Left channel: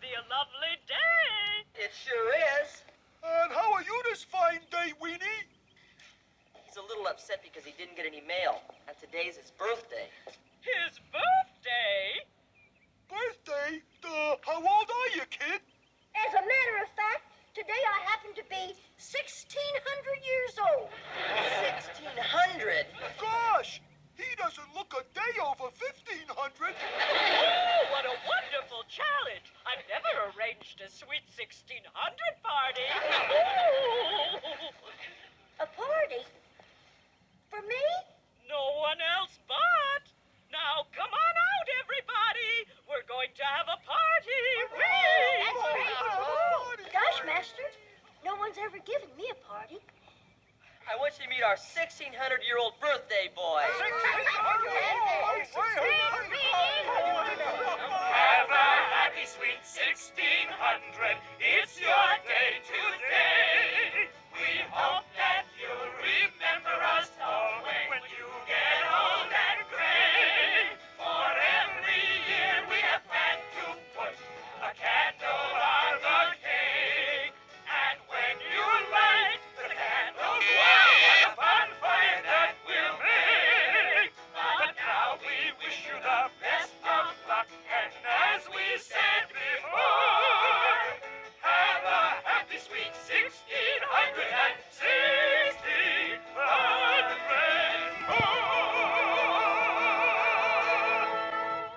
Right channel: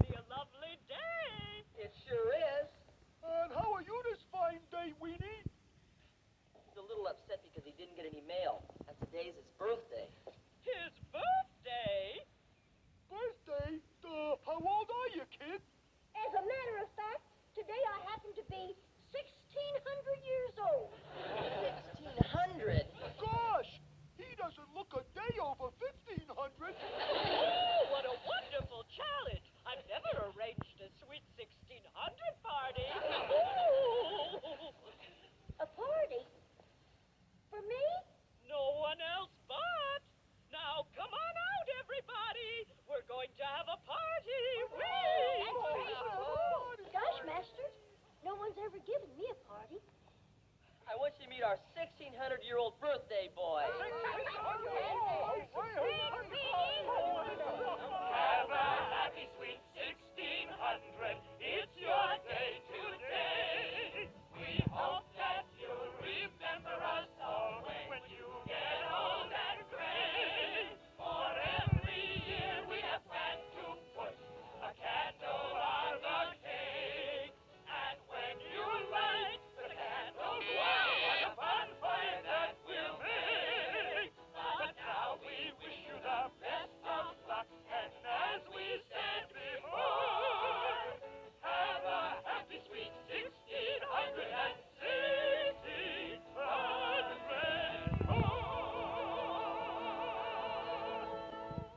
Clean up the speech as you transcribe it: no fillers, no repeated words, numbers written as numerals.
be a lovely day. It sure is. And how are you this fine day, Weenie? He's a little upset because he didn't get any mail, and today's his birthday. His birthday? Birthday? How old are you, kid? As a matter of fact, today I happen to be 1,600 years old. 1,600? Gosh, he doesn't look a day over 1,500. Oh, what a wonderful challenge. I've never arranged a sweet 1,600 party. Ooh. A party? For me? No one else but. Now, come on out, everybody. We're going to have a party. Gosh, Master, no one's ever given me a party. I want you to meet our 1,600-year-old birthday boy. 1,600?